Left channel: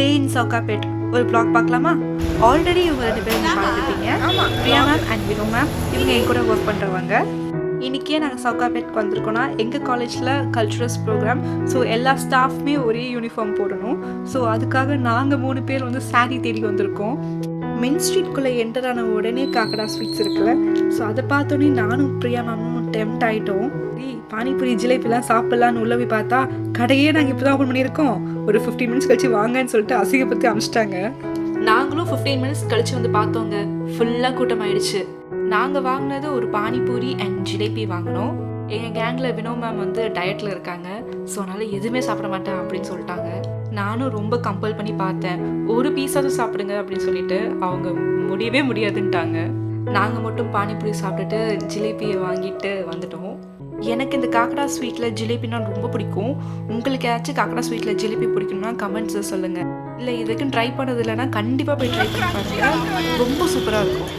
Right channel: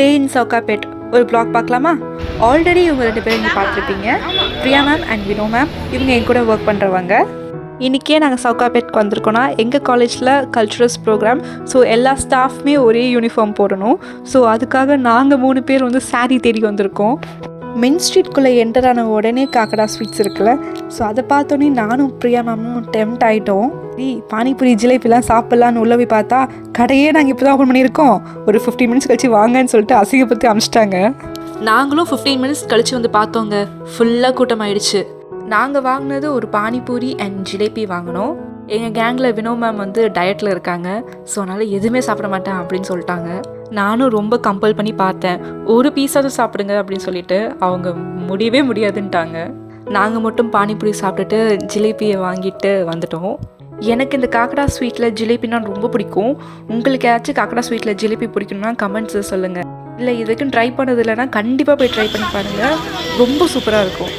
டே இன் சவுகாபேட் ஒரு ப்ளாக் பார்க்கலாமா? ஆல்ரெடி இவங்க 2 பேரும் நீங்கள் பார்த்துருப்பீங்க. Priya ma'am and Vino ma'am இவங்க என் கூட ஒர்க் பண்ணுறவங்க. இன்றைக்கே நாங்கள் சவுகாபேட்க்கு வந்திருக்கோன்னா எங்கள் காலேஜில் கல்ச்சுரல்ஸ் ப்ரோக்ராம். ஸோ எல்லா ஸ்டாஃப்மே ஒரே யூனிஃபார்ம் போடணும். ஸோ அதுக்காக நாங்கள் 3 பேர் வந்து சாரீ தேடி வந்திருக்கோம். மெயின் ஸ்ட்ரீட்குள்ளே என்டர் ஆன உடனே காக்கடா ஸ்வீட்ஸ் இருக்குல்ல, ஸோ அதை பார்த்தோன்னே நானும் பிரியா மேமும் டெம்ட் ஆகிட்டோம். பானிபூரி ஜிலேபிலாம் சாப்பிட்லான்னு உள்ளே போய் பார்த்தா கடையே நாங்கள் இப்போ தான் ஓப்பன் பண்ணியிருக்கோம், ஒரு 15 மினிட்ஸ் கழிச்சு வாங்கன்னு சொல்லிட்டு அசிங்கப்படுத்தி அனுப்பிச்சிட்டாங்க. நாங்களும் 15 மினிட்ஸ் கழிச்சு வந்து பார்த்தோங்க, ஃபுல்லாக கூட்டம் ஆயிடுச்சு. நாங்கள் வாங்கினது ஒரு பானிபூரி அண்ட் ஜிலேபி வாங்கினோம். எங்கள் கேங்கில் வினோ மேம் வந்து டயட்டில் இருக்காங்க, ஸோ அதனால் எதுவுமே சாப்பிட மாட்டேன் அப்படின்னு சொல்லிட்டாங்க. நானும் ரொம்ப கம்பல் பண்ணி பார்த்தேன், ஒரு பீஸாவது சாப்பிடுங்க அப்படின்னு சொல்லிட்டு அவங்க முடியவே முடியாதுன்ட்டாங்க. நாங்கள் மட்டும் பானிபூரி சாப்பிட்டுட்டு ஜிலேபியை வாங்கிட்டு வந்துட்டோம். எனக்கு இந்த காக்கடா ஸ்வீட்டில் ஜிலேபினா ரொம்ப பிடிக்கும். உங்களுக்கு ஏதாச்சும் காக்கடா ஸ்வீட்டில் ஜிலேபி பிடிக்கணும்னா கமெண்ட்ஸில் சொல்லுங்கள். இல்லை இதுக்குன்னு ட்ரை பண்ணது இல்லைன்னா கண்டிப்பாக போய் ட்ரை பண்ணி பாருங்கள், ரொம்ப சூப்பராக இருக்கும்.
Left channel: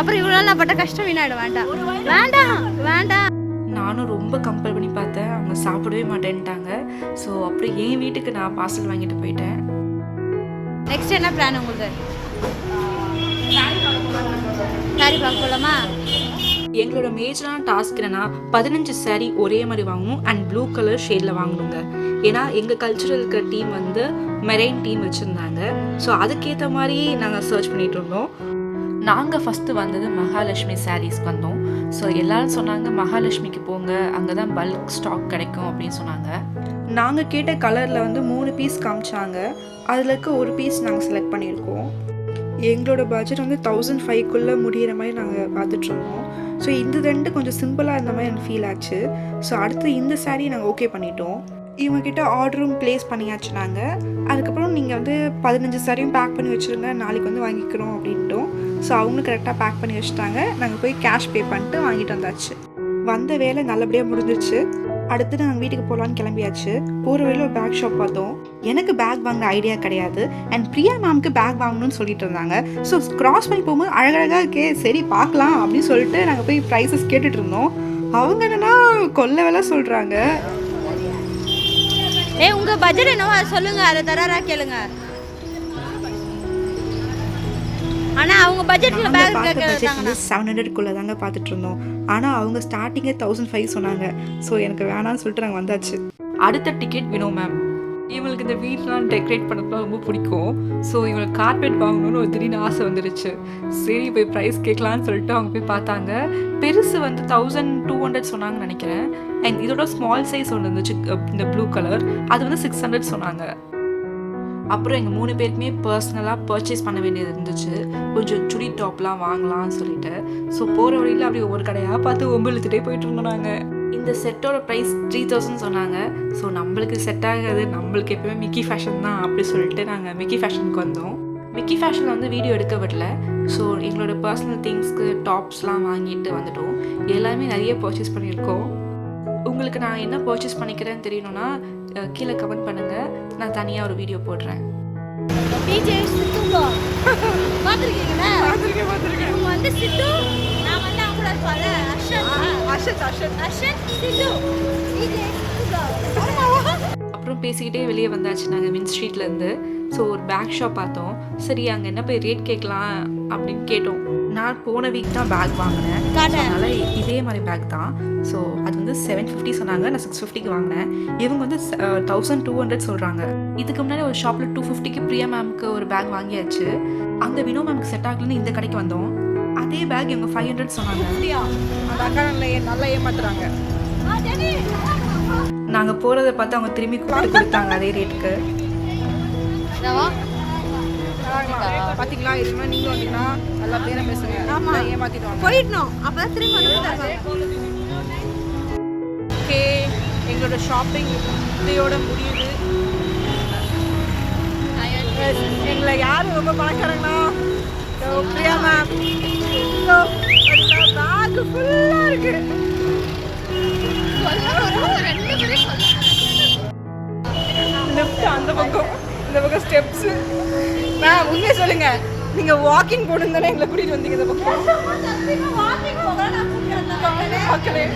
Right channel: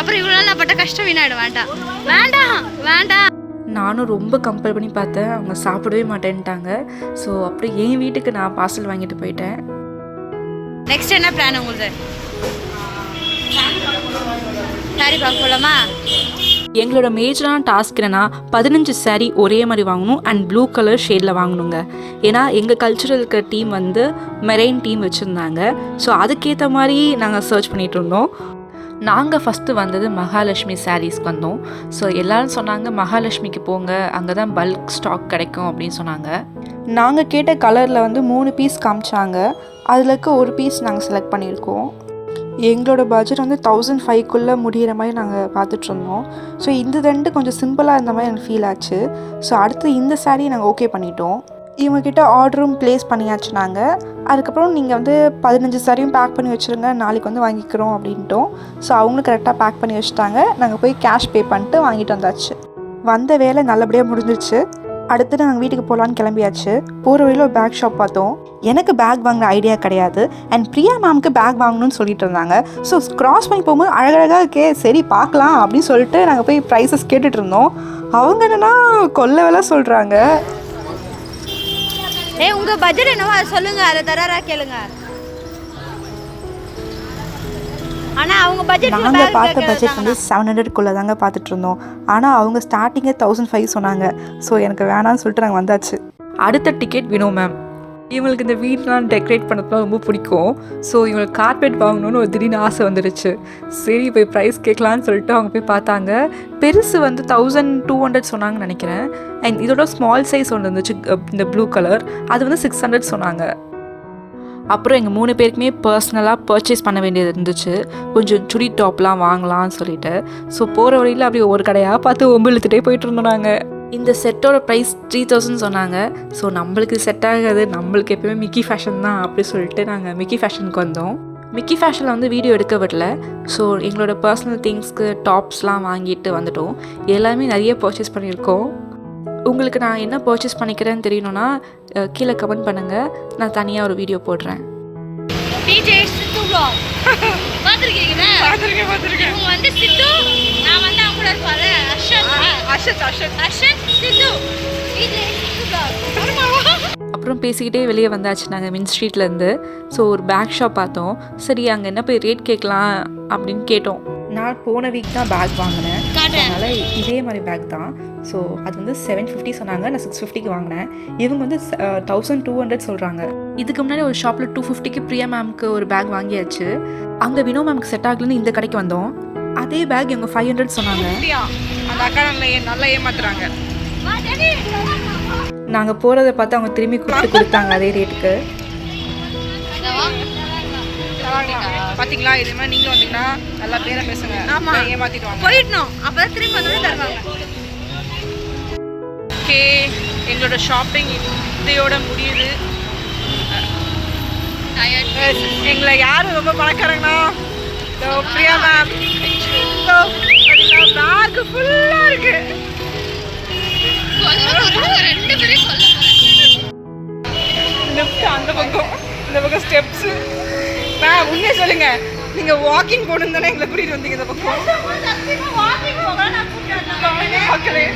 அப்புறம் இவ்வளோ நாள் பட்ட கஷ்டம் வீணாயிடும். வேண்டாம் வேண்டாம் வேண்டாம். நானும் ரொம்ப கம்பல் பண்ணி பார்த்தேன், அவங்க சாப்பிடவே மாட்டேன்ட்டாங்க. ஸோ அப்படியே என் வீட்டுக்கு நான் பார்சல் வாங்கிட்டு போயிட்டேன். நெக்ஸ்ட் என்ன பிளான் உங்களுக்கு? சாரி பார்க்க போகலாமா? எங்களோட மேஜரான டாஸ்க் என்னன்னா 15 சாரீ ஒரே மாதிரி வாங்கணும் அண்ட் ப்ளூ கலர் ஷேடில் வாங்கணுங்க. ஏன்னா எங்கள் கல்ச்சுரல் இருக்கிற டீம் வந்து மெரைன் டீம் வச்சுருந்தாங்க. ஸோ அதுக்கேற்ற மாதிரி நாங்கள் சர்ச் பண்ணிகிட்டு இருந்தோம். நாங்கள் ஃபஸ்ட்டு வந்தது மகாலட்சுமி சாரீஸ்க்கு வந்தோம். ஸோ எல்லோரும் சொன்னாங்க மகாலட்சுமிக்கு போங்க, அங்கே தான் பல்க் ஸ்டாக் கிடைக்கும் அப்படின்னு சொன்னாங்க. நாங்கள் கேட்ட கலரில் வந்து 3 பீஸ் காமிச்சாங்க, அதில் இருக்க ஒரு பீஸ் நாங்கள் செலக்ட் பண்ணியிருக்கோம். எங்களோட பட்ஜெட் வந்து 1005க்குள்ளே முடிகிற மாதிரி நாங்கள் பார்த்துட்ருந்தோம். ஸோ இந்த 2 கொஞ்சம் சிம்பிளாக இருந்த மாதிரி எனக்கு ஃபீல் ஆச்சு. ஸோ அடுத்து இந்த சாரீ நாங்கள் ஓகே பண்ணிட்டோம். இவங்கக்கிட்ட ஆர்டரும் ப்ளேஸ் பண்ணியாச்சு நாங்கள். அதுக்கப்புறம் நீங்கள் வந்து 15 சாரியும் பேக் பண்ணி வச்சுருங்க, நாளைக்கு வந்து வாங்கிக்கிறோம் அப்படின்ட்டோம். ஸோ அவங்களும் கரெக்டாக பேக் பண்ணி வச்சுட்டாங்க. நாங்கள் போய் கேஷ் பே பண்ணிட்டு வாங்கிட்டு வந்தாச்சு. வந்த வேலை நல்லபடியாக முடிஞ்சிருச்சு. அடுத்து நாங்கள் வீட்டுக்கு போகலான்னு கிளம்பியாச்சு. போகிற வழியில் ஒரு பேக் ஷாப் பார்த்தோம். எனக்கு பேக் வாங்கின ஐடியா கிடையாது அண்ட் பிரியா மேம்க்கு பேக் வாங்கணும்னு சொல்லிட்டு இருந்தாங்க. ஸோ கிராஸ் பண்ணி போகும்போது அழகழகாக இருக்கே, சரி பார்க்கலாம் அப்படின்னு சொல்லிட்டு நாங்கள் போய் ப்ரைஸஸ் கேட்டுட்டு இருந்தோம். அவங்க என்னன்னா கொல்ல வேலை சொல்கிறாங்க. உங்கள் பட்ஜெட் என்னவோ அதை சொல்லுங்கள், அதை தராரா கேளுங்க. ஆனால் அவங்க பட்ஜெட் நாங்கள் பார்த்த பட்ஜெட் வந்து 700க்குள்ளே தாங்க பார்த்துட்டு இருந்தோம். ஆனால் அவங்க ஸ்டார்டிங்கே 1005 சொன்னாங்க. ஸோ எனக்கு வேணான்னு சொல்லிட்டு நாங்கள் வந்தாச்சு. அடுத்த டிக்கெட் வினோ மேம். இவங்களுக்கு இந்த வீட்டெலாம் டெக்கரேட் பண்ணப்பலாம் ரொம்ப பிடிக்கும். ஸோ இவங்களுக்கு கார்பெட் வாங்கணும்னு ஒரு திடீர்னு ஆசை வந்துடுச்சு. சரி போய் ப்ரைஸ் கேட்கலான்னு சொல்லிட்டு அவங்க போய் பார்த்தாங்க. பெருசு வந்து 1200 சொன்னாங்கன்னு நினைக்கிறேன். அண்ட் இதோட ஸ்மால் சைஸ் ஒன்று இருந்துச்சு, இந்த ப்ளூ கலர், அது வந்து 600 சொன்னாங்க. அப்புறம் எங்கள் 3 பேருக்குமே பர்சனலாக பர்ச்சேஸ் பண்ண வேண்டியது இருந்துச்சு, கொஞ்சம் சுடி டாப்லாம் வாங்கலாம்னு சொல்லிட்டு. ஸோ போகிற வழியில் அப்படியே ஒரு கடையாக பார்த்து ஒம்பு இழுத்துட்டே போயிட்டு இருந்தோம். நாங்கள் இந்த செட்டோட ப்ரைஸ் 3000 சொன்னாங்க. ஸோ நம்மளுக்கு செட் ஆகாது, நம்மளுக்கு எப்போயுமே மிக்கி ஃபேஷன் தான் அப்படி சொல்லிட்டு நாங்கள் மிக்கி ஃபேஷனுக்கு வந்தோம். மிக்கி ஃபேஷனில் வந்து வீடியோ எடுக்க விடல. ஸோ எங்களோட பர்சனல் திங்ஸ்க்கு டாப்ஸ்லாம் வாங்கிட்டு வந்துட்டோம். எல்லாமே நிறைய பர்ச்சேஸ் பண்ணியிருக்கோம். உங்களுக்கு நான் என்ன பர்ச்சேஸ் பண்ணிக்கிறேன்னு தெரியணும்னா கீழே கமெண்ட் பண்ணுங்கள், நான் தனியாக ஒரு வீடியோ போடுறேன். டிஜே சித்து vlog பாத்துர்க்கீங்களா? பாத்துர்க்கேன். இவங்க வந்து சித்து, நான் வந்து அவங்க கூட இருப்பாரு அஷத் சித்து டிஜே சித்து vlog. அப்புறம் பேசிக்கிட்டே வெளியே வந்தாச்சு நாங்கள் மின் ஸ்ட்ரீட்லேருந்து. ஸோ ஒரு பேக் ஷாப் பார்த்தோம். சரி அங்கே என்ன போய் ரேட் கேட்கலாம் அப்படின்னு கேட்டோம். நான் போன வீக் தான் பேக் வாங்கினேன், அதனால் இதே மாதிரி பேக் தான். ஸோ அது வந்து 750 சொன்னாங்க, நான் 650க்கு வாங்கினேன். இவங்க வந்து 1200 சொல்கிறாங்க. இதுக்கு முன்னாடி ஒரு ஷாப்பில் 250க்கு பிரியா மேம்க்கு ஒரு பேக் வாங்கியாச்சு. அங்கே வினோ மேம்க்கு செட் ஆகலன்னு இந்த கடைக்கு வந்தோம். அதே பேக் இவங்க 500 சொன்னாங்க. அந்த அக்கா நல்லா ஏமாத்துறாங்க. நாங்கள் போகிறத பார்த்து அவங்க திரும்பி கொடுத்தாங்க அதே ரேட்டுக்கு. பாத்தீங்களா, இதே மாதிரி நீங்க வந்தீங்கன்னா நல்லா பேர பேசுங்க. ஆமா, ஏமாத்திடுவாங்க. போயிடணும், அப்பதான் திரும்பி வந்து தருவாங்க. ஓகே, எங்களோட ஷாப்பிங் இதையோட முடியுது. எங்களை யாரும் ரொம்ப பணக்காரங்கன்னா பிரியா மேம். பேக் ஃபுல்லா இருக்கு. லிஃப்ட் அந்த பக்கம், இந்த பக்கம் ஸ்டெப்ஸ். மேம் உண்மையை சொல்லுங்க, நீங்க வாக்கிங் போகணும் தானே எங்களை கூட்டிட்டு வந்தீங்க இந்த பக்கம். வாக்கிங் போக நான் கூப்பிட்டு மக்களே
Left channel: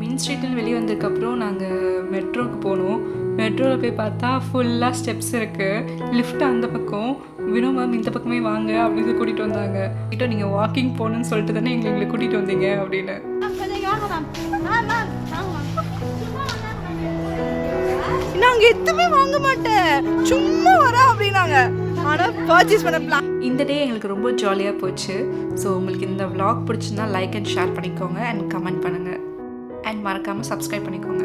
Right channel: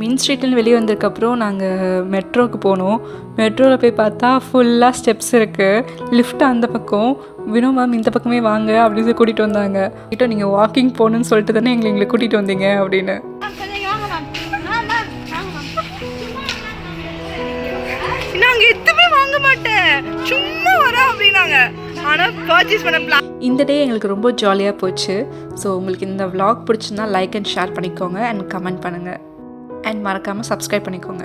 மெயின் ஸ்ட்ரீட்லேருந்து வெளியே வந்ததுக்கப்புறம் நாங்கள் மெட்ரோவுக்கு போனோம். மெட்ரோவில் போய் பார்த்தா ஃபுல்லாக ஸ்டெப்ஸ் இருக்குது. லிஃப்ட் அந்த பக்கம், வினோ மேம் இந்த பக்கமே வாங்க அப்படின்னு சொல்லி கூட்டிகிட்டு வந்தாங்க. கிட்ட நீங்கள் வாக்கிங் போகணுன்னு சொல்லிட்டு தானே எங்களை கூட்டிகிட்டு வந்தீங்க அப்படின்னு. நாங்க எதுவுமே வாங்க மாட்டேன், சும்மா வரேன் அப்படின்னாங்க. ஆனால் பர்ச்சேஸ் பண்ண பிளான். இந்த டே எங்களுக்கு ரொம்ப ஜாலியாக போச்சு. ஸோ உங்களுக்கு இந்த vlog பிடிச்சிருந்தா லைக் அண்ட் ஷேர் பண்ணிக்கோங்க அண்ட் கமெண்ட் பண்ணுங்கள் அண்ட் மறக்காமல் சப்ஸ்கிரைப் பண்ணிக்கோங்க.